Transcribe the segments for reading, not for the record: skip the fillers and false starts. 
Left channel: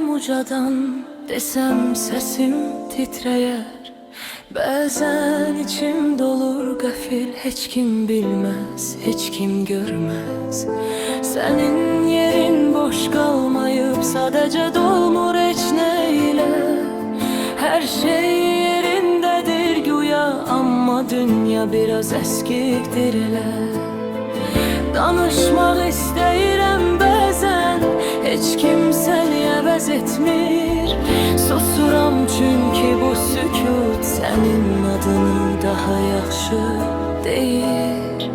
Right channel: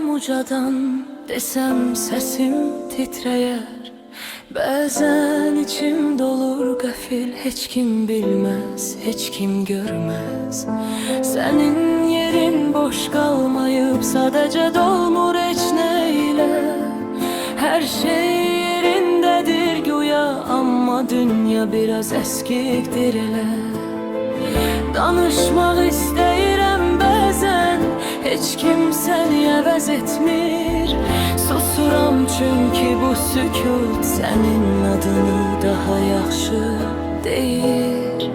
Gelsem ucadan desem sesim titreyer. Bazen içim dolur gafil, hiç kim bilmez, hiç kim görmez. Senin yerin boş kalmayıp sadece dolmur eçneyle. Her şey yerindedir güya ama dünya biraz eskiktir elə. Danışmaq istəyirəm bəzən, heç kim səni əvəz etmir. Susuram çünkü bu sükut sənin adını daha yaxşı deyir.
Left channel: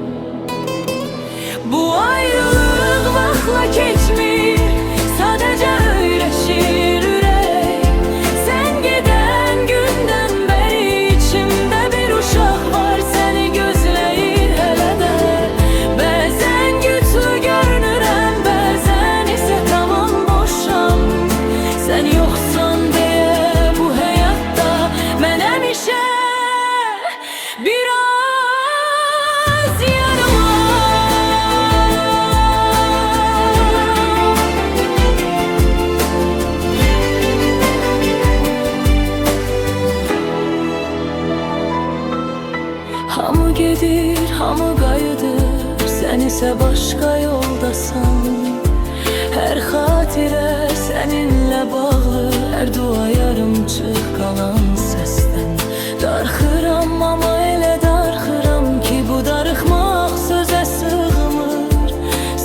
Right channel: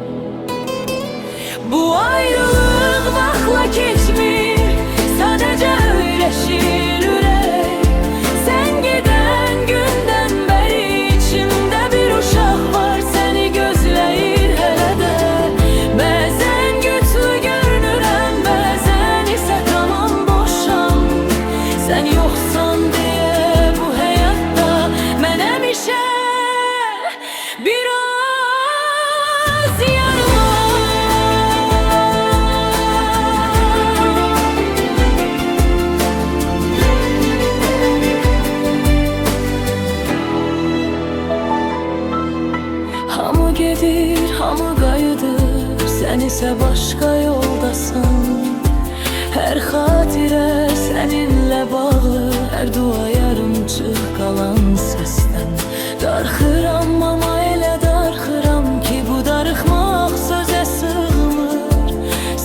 Bu ayrılıq vaxtla keçmir, sadəcə öyrəşir ürək. Sən gedən gündən bəri içimdə bir uşaq var, səni gözləyir hələ də. Bəzən güclü görünürəm, bəzən isə tamam boşam. Sən yoxsan deyə bu həyatda mən həmişə biraz yarımam. Hamı gedir, hamı qayıdır, sən isə başqa yoldasan. Hər xatirə səninlə bağlı, hər dua yarımçıq qalan səsdən. Darxıram ama elə darxıram ki bu darıxmaq sözə sığmır.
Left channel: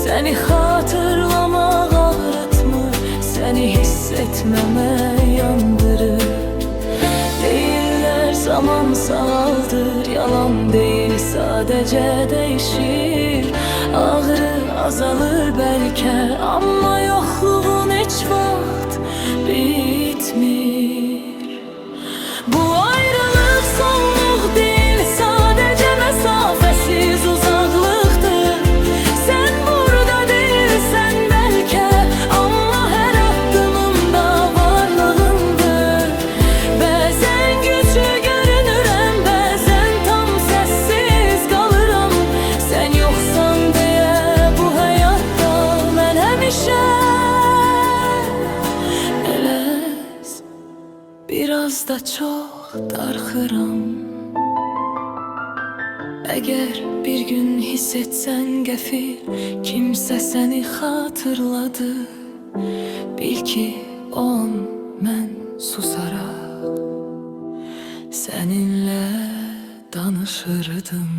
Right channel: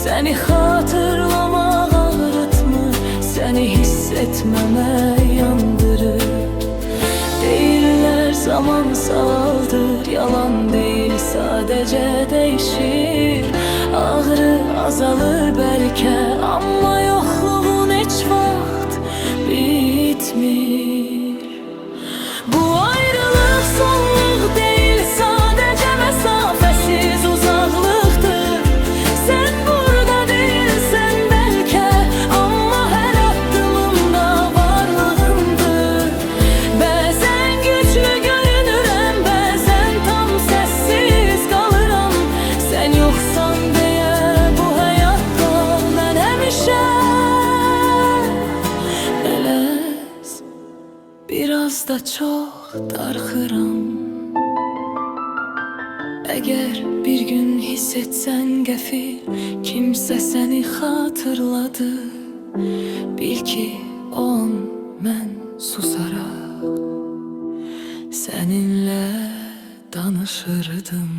Səni xatırlamaq ağrıtmır, səni hiss etməmə yandırır. Deyirlər zaman sağaldır, yalan deyil sadəcə dəyişir. Ağrı azalır bəlkə, amma yoxluğun heç vaxt bitmir. Bu ayrılıq sonluq deyil, sadəcə məsafəsiz uzaqlıqdır. Sən burada deyilsən bəlkə, amma hər addımımda varlığındır. Bəzən güclü görünürəm, bəzən tam səssiz qalıram. Sən yoxsan deyə bu həyatda mən həmişə eləz, biraz da çox darxıram. Əgər bir gün hiss etsən qəfil, kimsə səni xatırladı, bil ki o an mən susaraq səninlə danışırdım.